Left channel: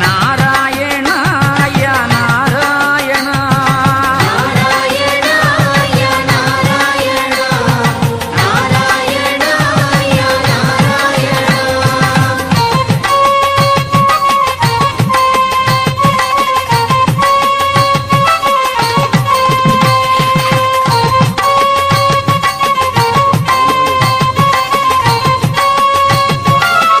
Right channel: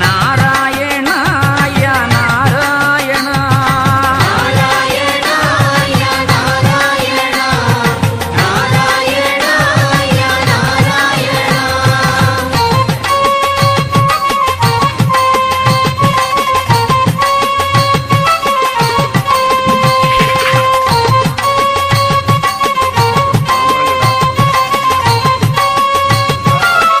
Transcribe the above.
நான்